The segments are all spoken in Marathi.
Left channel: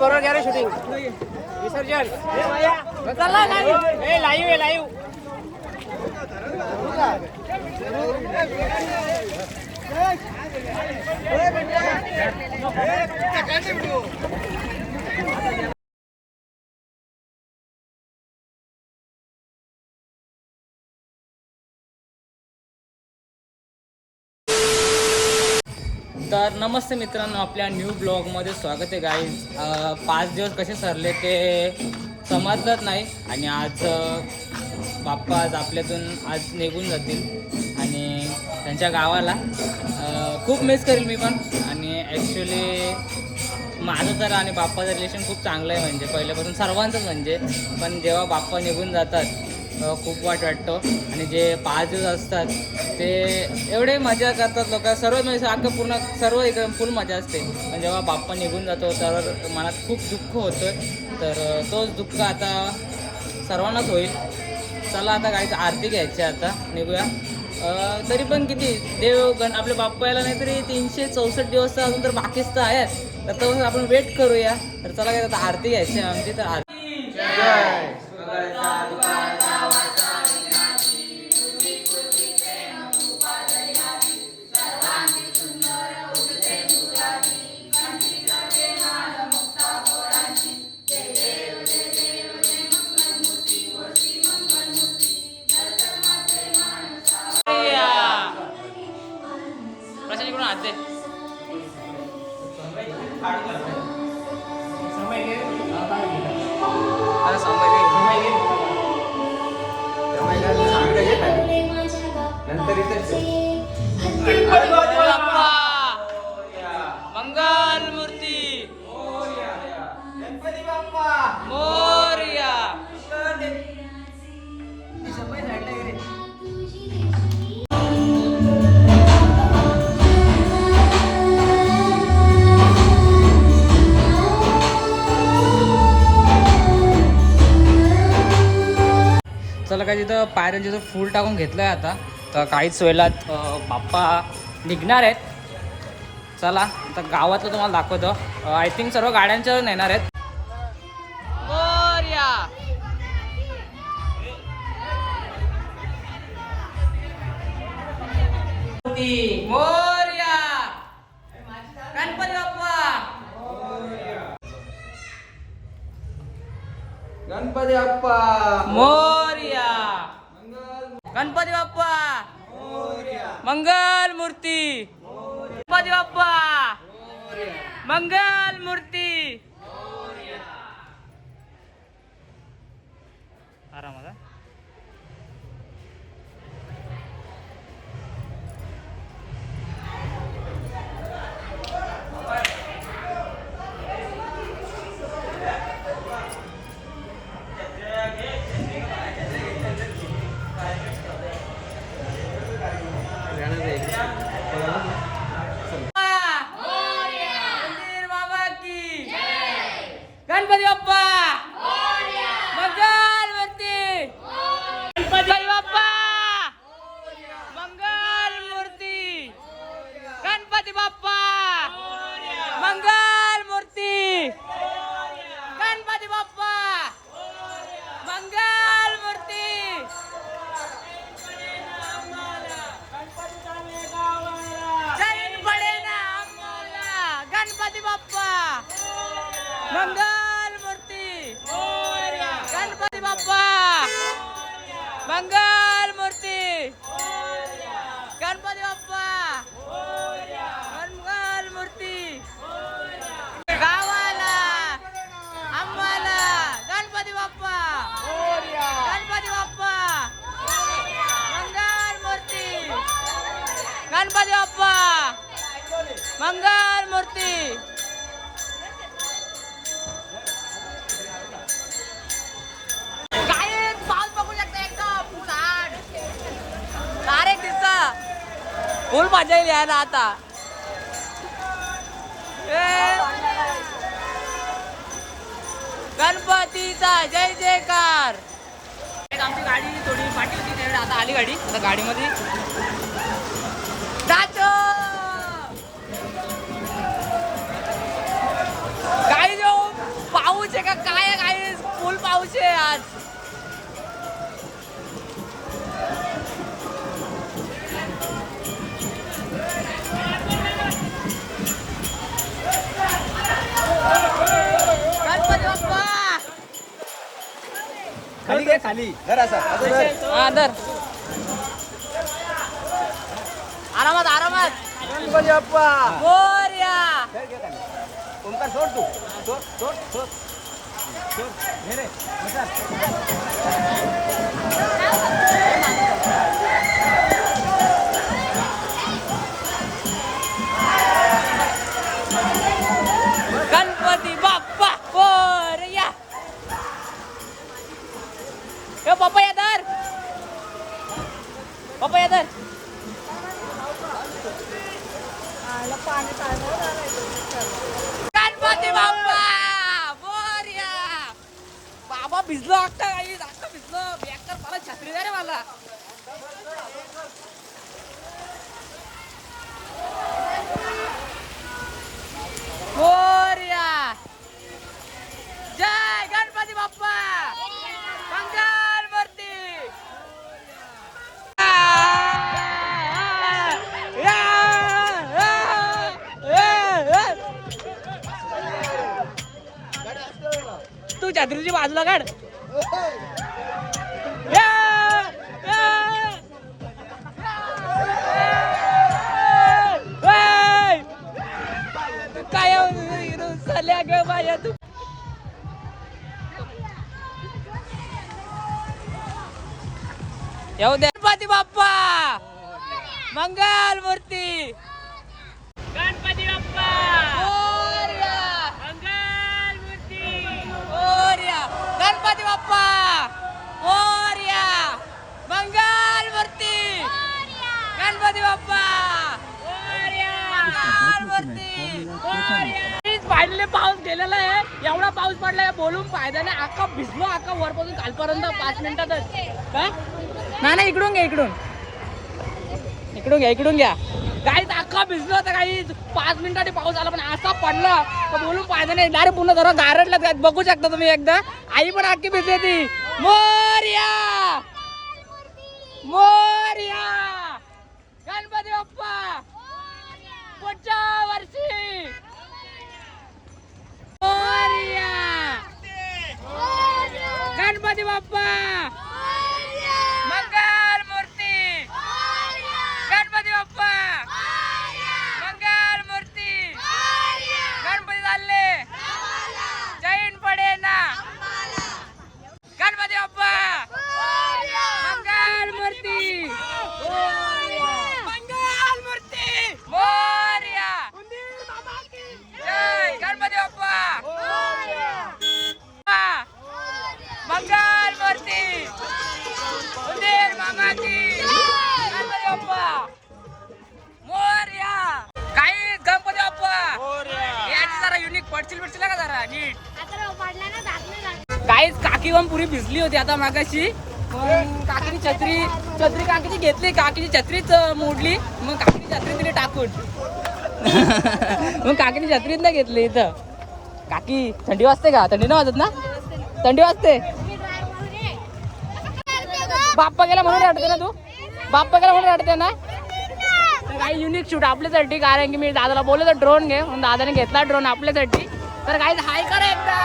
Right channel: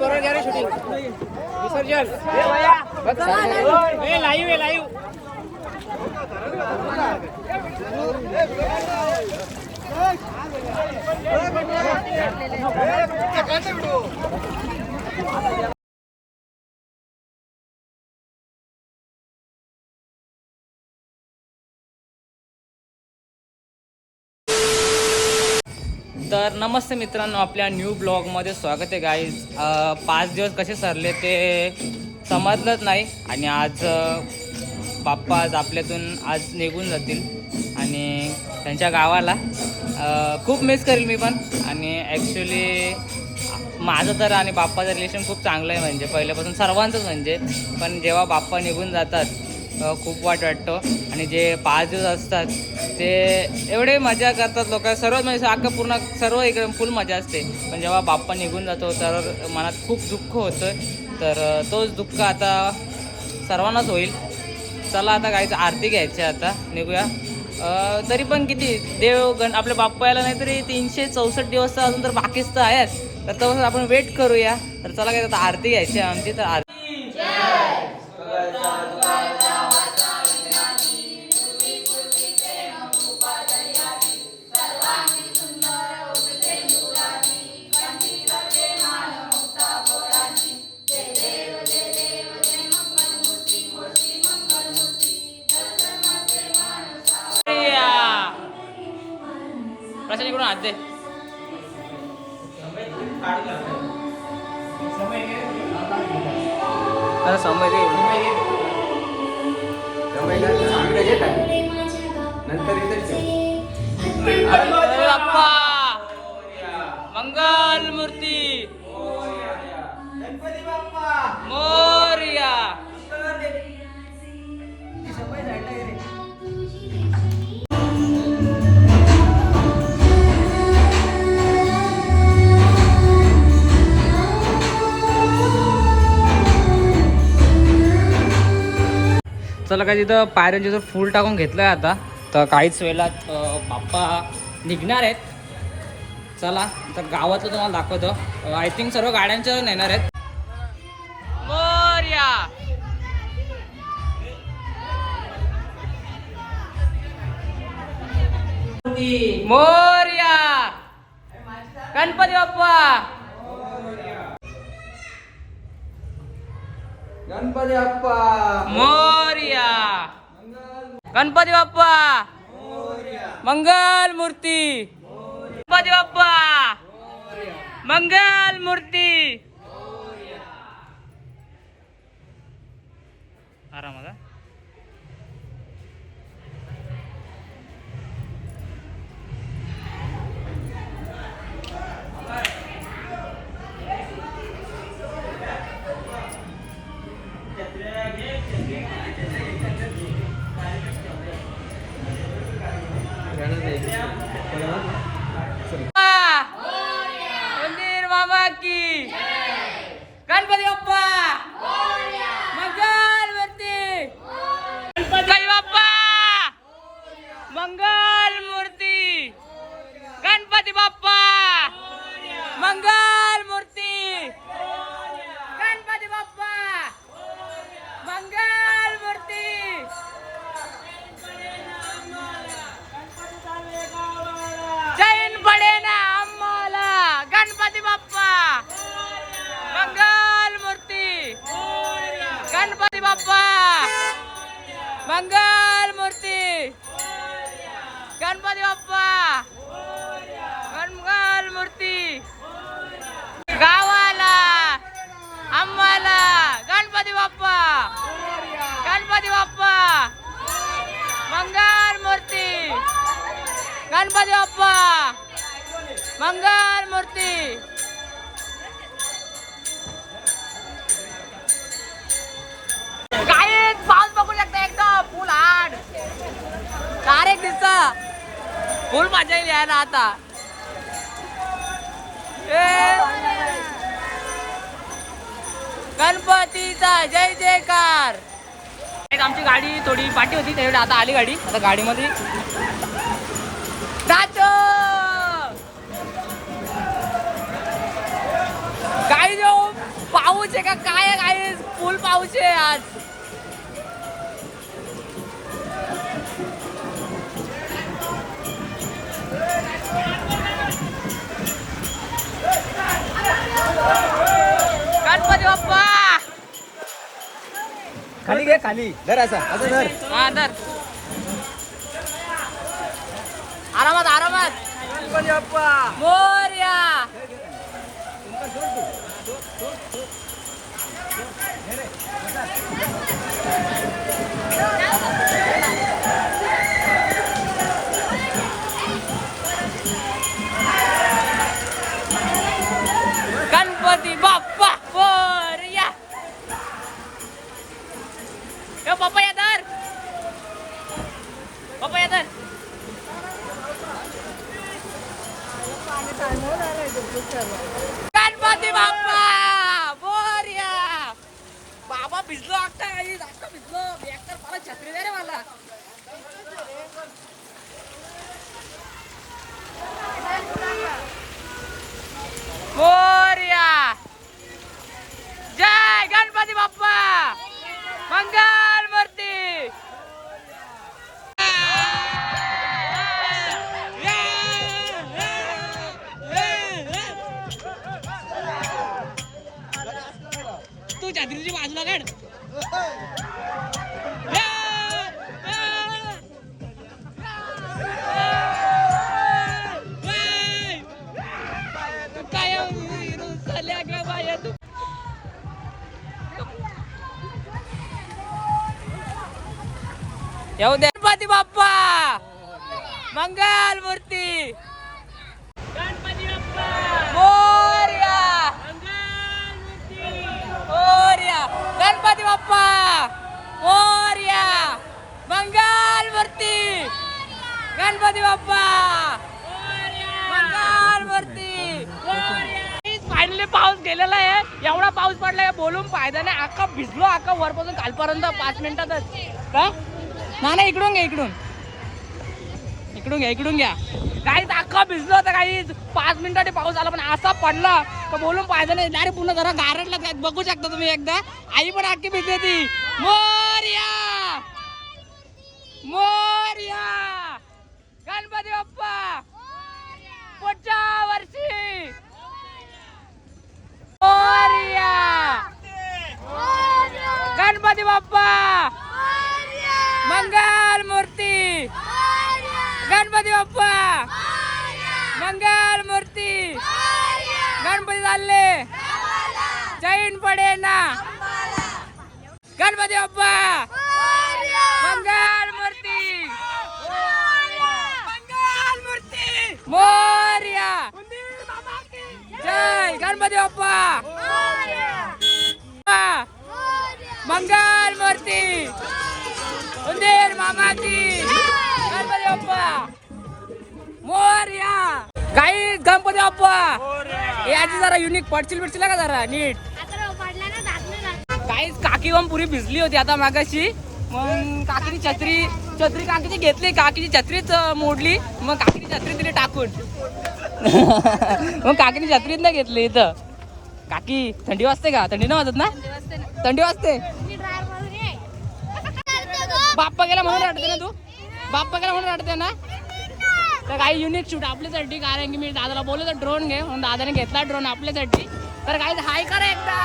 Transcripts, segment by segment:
बरोबर घ्या रे शूटिंग विसर्जन लाईव्ह लाईव्ह तर नमस्ते मित्रांनो, आपल्या न्यू ब्लॉगमध्ये स्वागत आहे गाईज. 5 दिवस कसे सरले ते समजलंच नाही आणि आज बाप्पा आज आपल्यातून आज निघून जातील आणि त्यांच्या गावाला खूप मिस करेल मी पण. आणि ॲक्च्युली माझं तर आणि बाप्पाचं रिलेशन खूप चांगलं आहे, म्हणजे पहिल्यापासून सर्वांचंच म्हणजे. पण जेव्हा बाप्पा निघून जातात खूप वाईट वाटतो. आणि जे 5 दिवस असतात ते एवढे मजा करतात लोक सर्व, म्हणजे अख्खं पूर्ण सर्व इकडे फुल मजा असते. पण जेव्हा बाप्पा निघून जातो तर मनात खूप दुःख होतं. तर तोच दुःख आता सर्वांनाच होईल. चला आता काहीच आरती घ्यायची, आता निघूया. तरी पण किती आपल्या बाप्पा यायला नाही तरी 364 दिवस तर अजून तर बाकीच तर आहेत. तर तसं आपण वेट करूया. तर चला काय आता आरती घ्यायची आहे आमची. तर आरती प्रशांतकडून हात दे. अरे समय बाप्पा मंगल मूर्ती गणपती बाप्पा मोरया. चला काय तिथं पायऱ्यांचं फूल टाकून घेतलं आहे आता. तर काहीच वेळात बाप्पा निघणार आहेत. चला तर गावातलं तुम्हाला दाखवतो. आय थिंक सर्व गाड्यांच्या नेणार आहेत. मोरया मोरया गणपती बाप्पा गणपती बाप्पा मोरया गणपती बाप्पा मंगल मूर्ती गणपती बाप्पा मंगल मूर्ती. आरामात मंदिर बाबा की गणपती बाप्पा मंगल मूर्ती गणपती बाप्पा मंगल मूर्ती गणपती बाप्पा मंगल मूर्ती गणपती बाप्पा मंगल मूर्ती. जैन पडे ना आम्हाला गणपती बाप्पा मंगल मूर्ती गणपती बाप्पा मंगल मूर्ती गणपती बाप्पा मंगल मूर्ती. गावाला आम्हाला गणपती बाप्पा गणपती बाप्पा मंगल मूर्ती गणपती बाप्पा मंगल मूर्ती. काय पाऊस बघू शकता एकदम फुल हाड डायरेक्ट दिसत फुल मजा येईल यायला आता. गणपतीचा जय जयकार. आमची गाडी थोडी पाठी होती त्यावेळी, आता आली गाडी. आता गाडीमध्ये गाडी जो पाऊस आहे का काय आहे, काय फुल पाऊस आहे आज. गणपती बाप्पा खाली जरा हा धर, आरामात आरामात. मोरया. सोड तू सोड सोड गणपती बाप्पा मोरया. ए बाप्पा या धर, बाप्पा या धर. गणपती बाप्पा मोरया. बाबा भिजलो अक्का, अक्का भिजलो. बॅग मला छत्री द्या रे मला. मोरया. जय गणपती बाप्पा. मंगल मूर्ती. तू छत्रीची बाजूला काढ. काय रुसल्या ग बाया तू. येऊ दे. गणपती बाप्पा मंगल मूर्ती. गणपती बाप्पा मोरया. मंगल मूर्ती मोरया. गणपती बाप्पा मोरया. मंगल मूर्ती. गणपती बाप्पा मंगल मूर्ती. फायनली पाऊस गेलेला आहे. एवढा पाऊस पडलाय बोलून फायदा नाही. अख्खा भिजलो, अख्खा वरपासून कालपर्यंत 5 मिनिटातच. काय ना इकडून घ्या, इकडून इकडून घ्या. काहीच अख्खा भिजलो होता. काही 5 मिनिटांनी पाऊस आला, पण असा पडला तर बोलून फायदा नाही. डायरेक्ट पुन्हा जरा गारटला बघू शकता तुम्ही. एकदा आई पण अख्खी भिजली ती. मोरया मोरया. गणपती बाप्पा पुढच्या वर्षी. मोरया. गणपती बाप्पा मंगल मूर्ती. गणपती बाप्पा मंगल मूर्ती. गणपती चालले चैन पडे ना. गणपती बाप्पा मंगल मूर्ती. मंगल मूर्ती मोरया. जय गणपती बाप्पा मंगल मूर्ती. उंदीर मामा की. गणपती बाप्पा मोरया. काही गणपती बाप्पा याची जरा युनिक पडचिल बिडचिल का जरा नीट. काहीच काकी पण पुरी भिजली होती आता मागाशी. मग काकीची छत्री काकीची घेतली. काकीची छत्रीच मोडली. मग काकीची छत्री तिने टाकून मग काकीने छत्रीत नाही घेतली. इथं काकी थंडी वाजते का? थंडी नाही वाजत ना? थंडी वाजते. बाप्पा गेला म्हणून रडते ना तू? बाप्पा गेला म्हणून रडते ना? तर काही युनिक शूट आपल्यासाठी. कारण की मी दादाला बोललो तर ड्रोन घे, म्हणून दादाने घेतला ड्रोन आपल्यासाठी. तर काही हाय करा एकदा.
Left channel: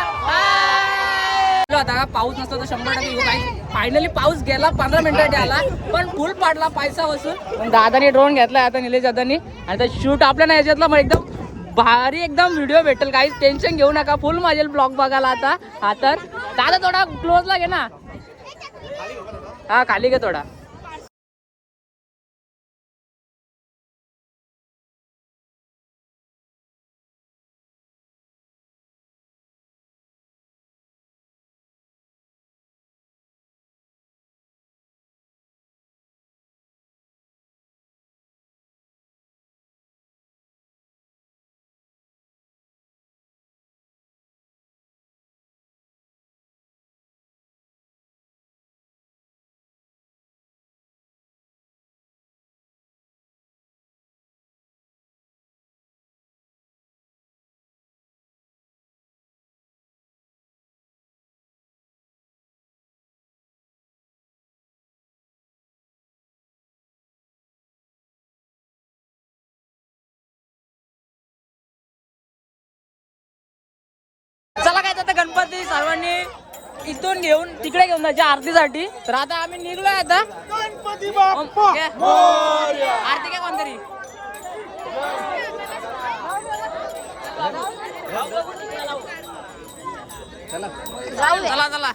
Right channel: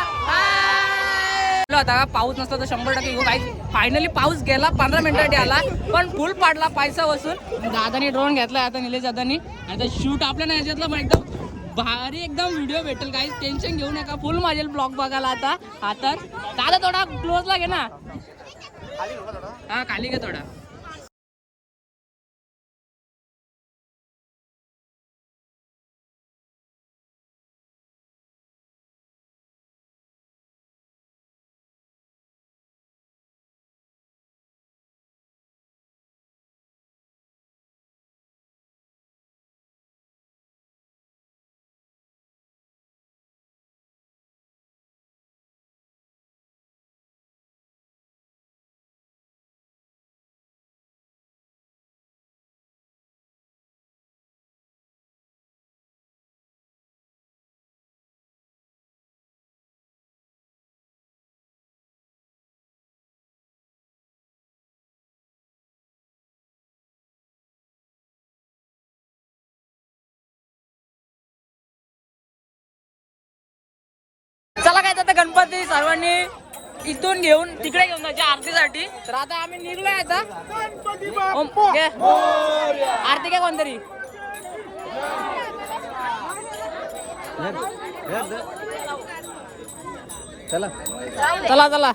आता पाऊस नसतो तर 100% येऊ. काही फायनली पाऊस गेला, 15 मिनिटासाठी आला, पण फुल पाडला पैसा वसून. दादाने ड्रोन घेतलाय आता, निलेश दादानी. आणि तर शूट आपल्या नाही याच्यातला मग एकदम भारी एकदम व्हिडिओ भेटेल. काही टेन्शन घेऊ नका. फुल माझे ब्लॉग बघायला आता. हा तर दादा थोडा क्लोजला घे ना. हा खाली घे थोडा. चला काय आता गणपती सर्वांनी इथून घेऊन तिकडे घेऊन जायच्या आरतीसाठी. तर आता आम्ही निघलोय आता. आरती काय कोणतरी चला चला चला.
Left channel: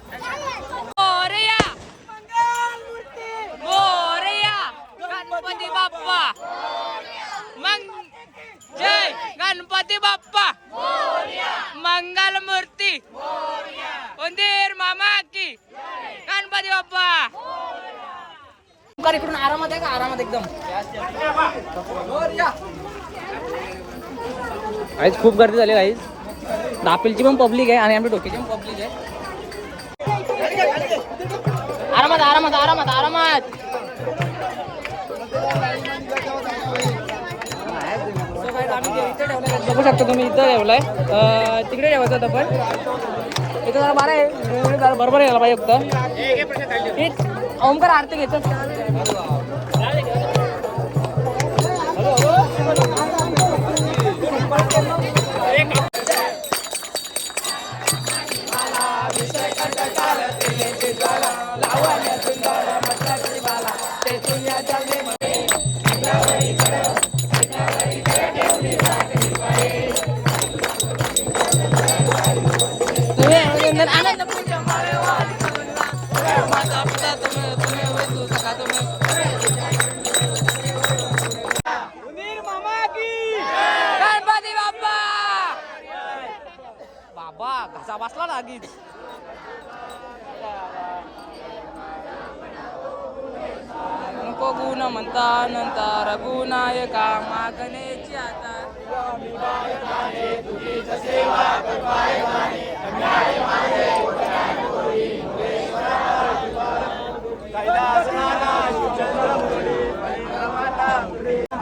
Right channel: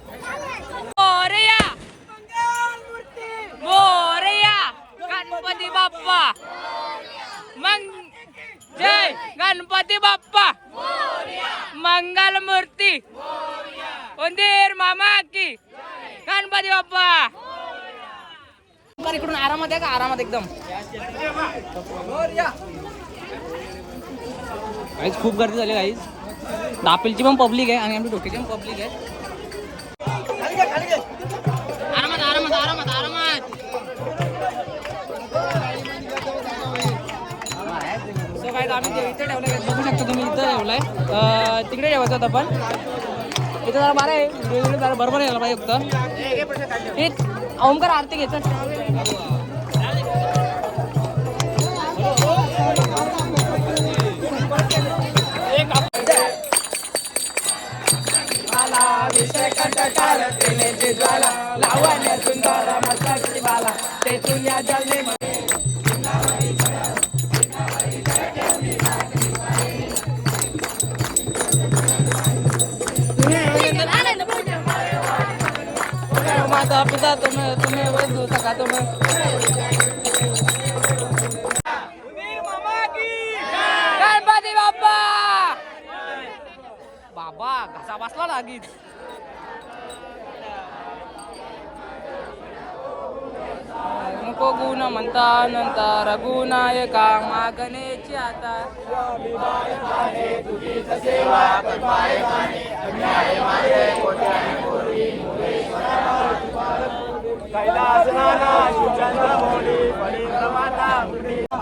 मोरया मोरया गणपती बाप्पा जय गणपती बाप्पा मंगल मूर्ती उंदीर मामा की गणपती बाप्पा. इकडून आरामात आहे का? आरामात एकदम. काहीच खूप गर्दी झाली काहीच. दापिलची पण पब्लिक आहे आणि आमच्या डोक्याची पण पब्लिक आहे. आरामात आरामात आरामात आरामात. आम्ही इथे ठेवलाय बघू शकता तुम्ही. इथं ठेवलाय तिकडे ठेवायचं होतं पण इथे जरा बरं आहे. बरोबर यायला पाहिजे फक्त. ओमकार आरती घ्यायचं. पिता तुम्हें तुम्हें वो दो सका तुम्हें गणपती बाप्पा. बाबा घसा बसला ना आगीच. नको गुण म्हणता नंतर गुणायका मागण्याची आता.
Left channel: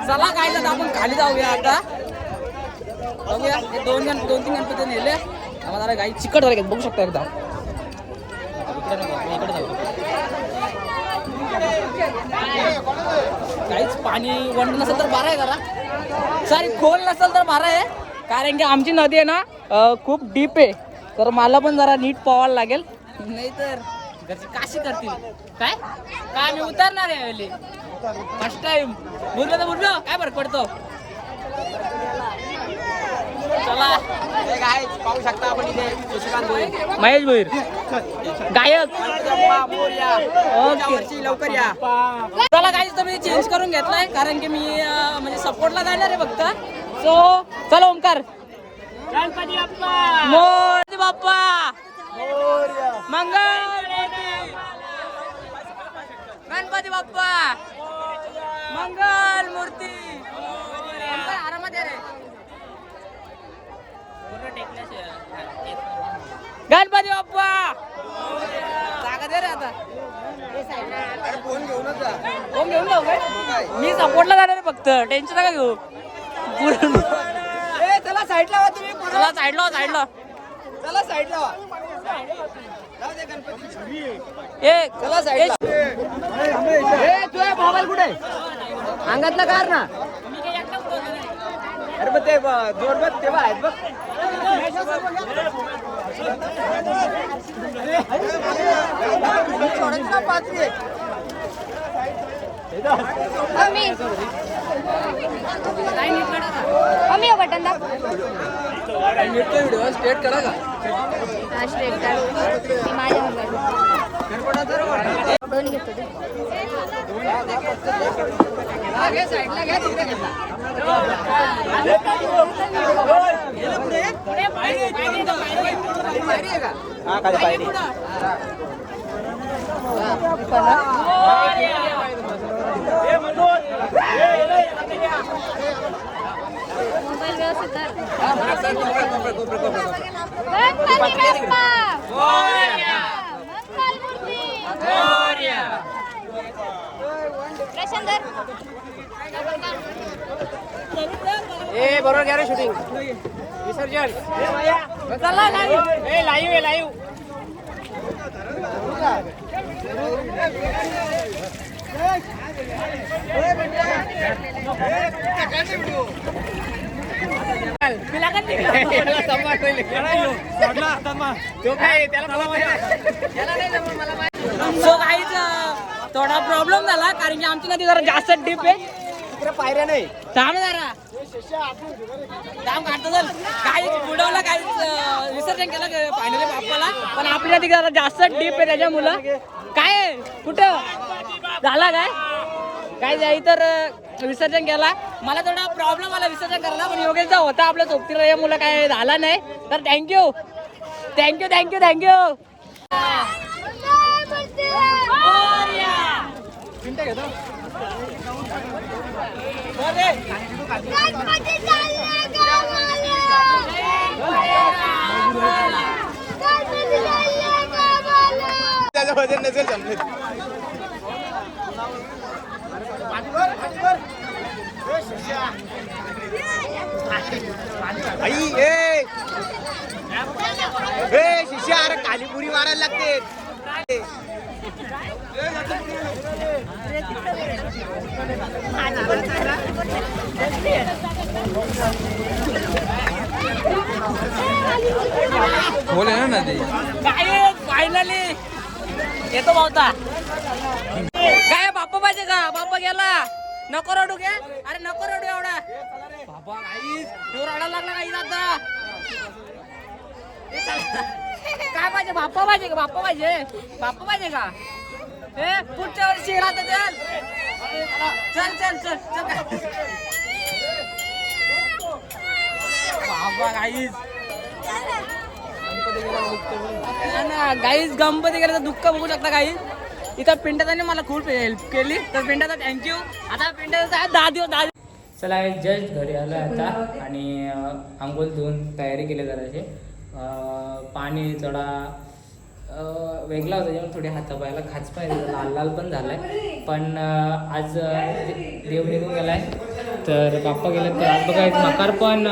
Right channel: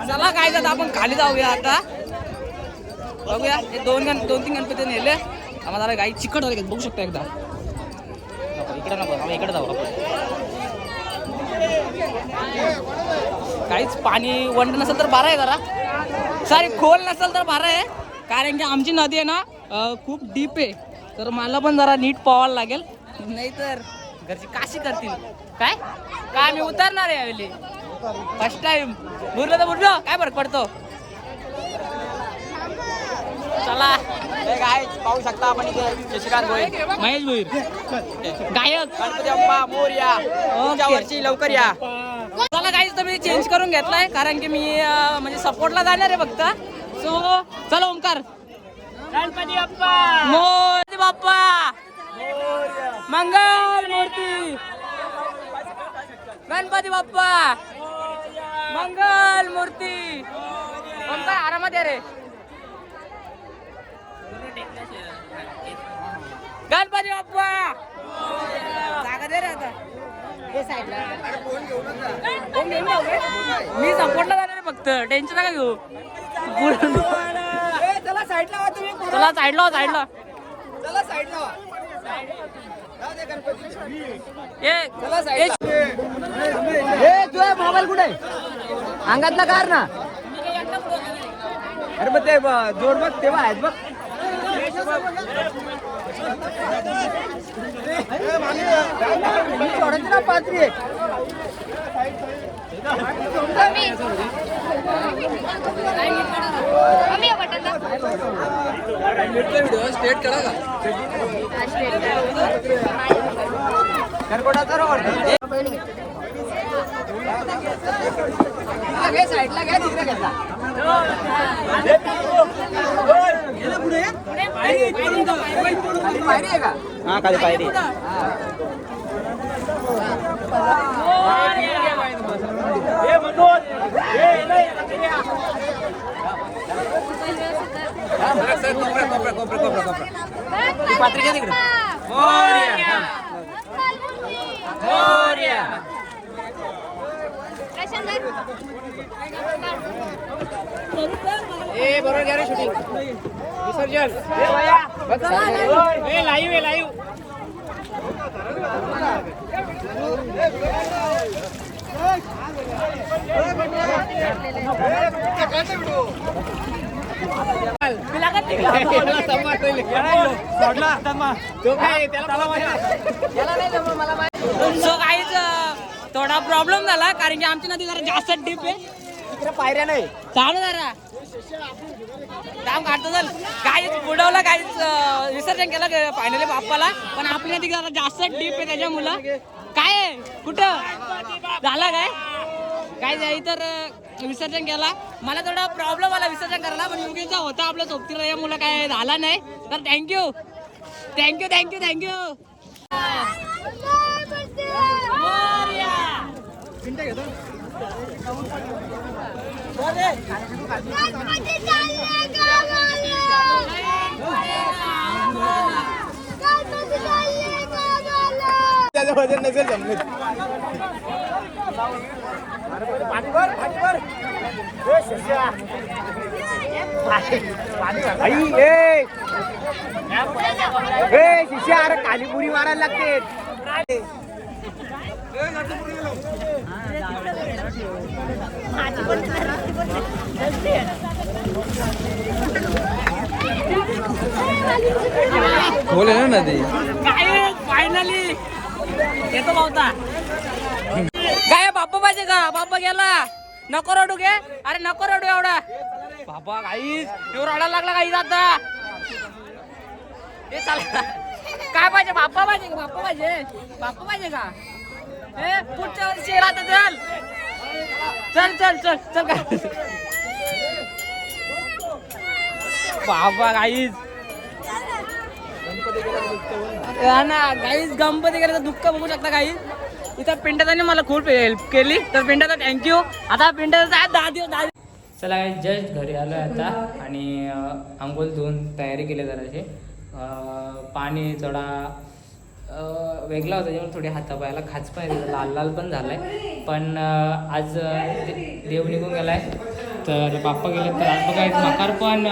चला काय जात आपण खाली जाऊया आता. बघूया हे दोन तीन गणपती नेले. आम्हाला गाई चिकट झाले बघू शकता एकदा. इकडे नको इकडे जाऊ. काहीच पाणी वंड नसेल तर बरं आहे जरा. सॉरी खोल नसेल तर बरं आहे. कारण की आमची नदी आहे ना खूप डीप आहे. तर मला पण जरा नीट पोवायला लागेल. नाही तर घरची काशी करतील. काय काय मी उतरणार आहे यावेळी फर्स्ट टाइम. बुरलं तर बुरलं काय फरक पडतो. चला काय पाहू शकता आपण शशिकांत भोईर, महेश भोईर गायक. ओके लवकर या. चला काही तुम्ही चेंज करून घेतलाय कारण की मी म्हणजे सपोर्टला जाणार आहे फक्त. सो चला ओमकार. गणपती बाप्पा मोरया बाप्पा मंगल मूर्ती गणपती बाप्पा मंगल मूर्ती. ओमकार आरामात आहे रे. गणपती बाप्पा जागा दे रे आता. कोण घेऊन जाऊ काय? मी सपोर्टला जाणार आहे फक्त. टेन्शन नका घेऊ. पूर्ण चला साईडला वा तुम्ही. चला साईडला साईडला. चला साईडला वा. जाऊ दे गणपती. चला ए साईडला. ए तुझा मोबाईल कुठे आहे? अंगातला कार ना. अरे मग ते जोड बघ तेव्हा आहेत बघ. बटन स्टेट करा का? साईडला घ्या तिकडे घेतला. पायरी आहे का? बरोबर घ्या शूटिंग विसर्जन. Live live. सो काहीच थोडा प्रॉब्लेम झाला कारण की आमची नदी जरा जास्त डीप आहे. पायऱ्या नाही चालू जरा काम काढतो चल. काही बुडवलं काहीच विसर्जन केलं फायनली बाप्पाला. पण आपली नदी जरा जास्त डीप आहे त्याच्यामुळं काय आहे? कुठं झाला काय जाई तर विसर्जन केला. मला थोडा प्रॉब्लेम आला विसर्जन करायला पण योगेशचा होता आपल्या सोबतीला या मुलं काय झाला नाही. तर थँक्यू. त्याचं वजन नसेल जमलं. पाणी भर शिष्या अरे कालीपुरी मारायला लागते. बोले ना नदी काय फायनली येतो भावता. काय बाप्पा पाहिजे का? बाप्पा गेला. नको रडू घे. अरे नको रडू एवढा. बाबा काहीच तो रडायला लागला काही आता. हे चाल काय पाहिजे? बाप्पा पाहिजे का? हे पुढच्या वर्षी राहत चल का बाबा काहीच ना गाईज गणपती गेल्याचं दुःख बघू शकता. काही इथं पिंटाने मला खूप हेल्प केली तर पिंटाचा थँक्यू. आता पिंटाचा 10 दिवस. चला जस्ट घरी आलो आता आणि आंघोळ धुवून तयारी केली जराशी. पाणी थोडा वेगळा होता जेव्हा थोडी हातापायाला खाच पण येते लाल पण झालाय. पण आज देव निघून गेलाय तर बाप्पा गेले तर आज बघा मकार पण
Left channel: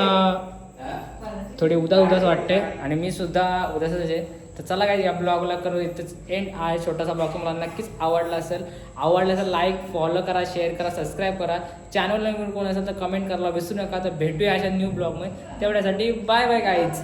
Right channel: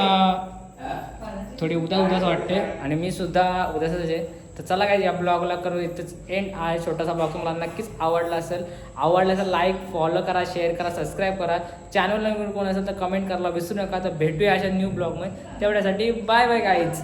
थोडी उदास वाटते आणि मी सुद्धा उदासच आहे. तर चला काय या ब्लॉगला करू इथंच एंड. आहे छोटासा ब्लॉग तुम्हाला नक्कीच आवडला असेल लाईक फॉलो करा, शेअर करा, सबस्क्राईब करा. चॅनलला कोण असेल तर कमेंट करायला विसरू नका. तर भेटूया अशा न्यू ब्लॉगमध्ये. तेवढ्यासाठी बाय गाईज.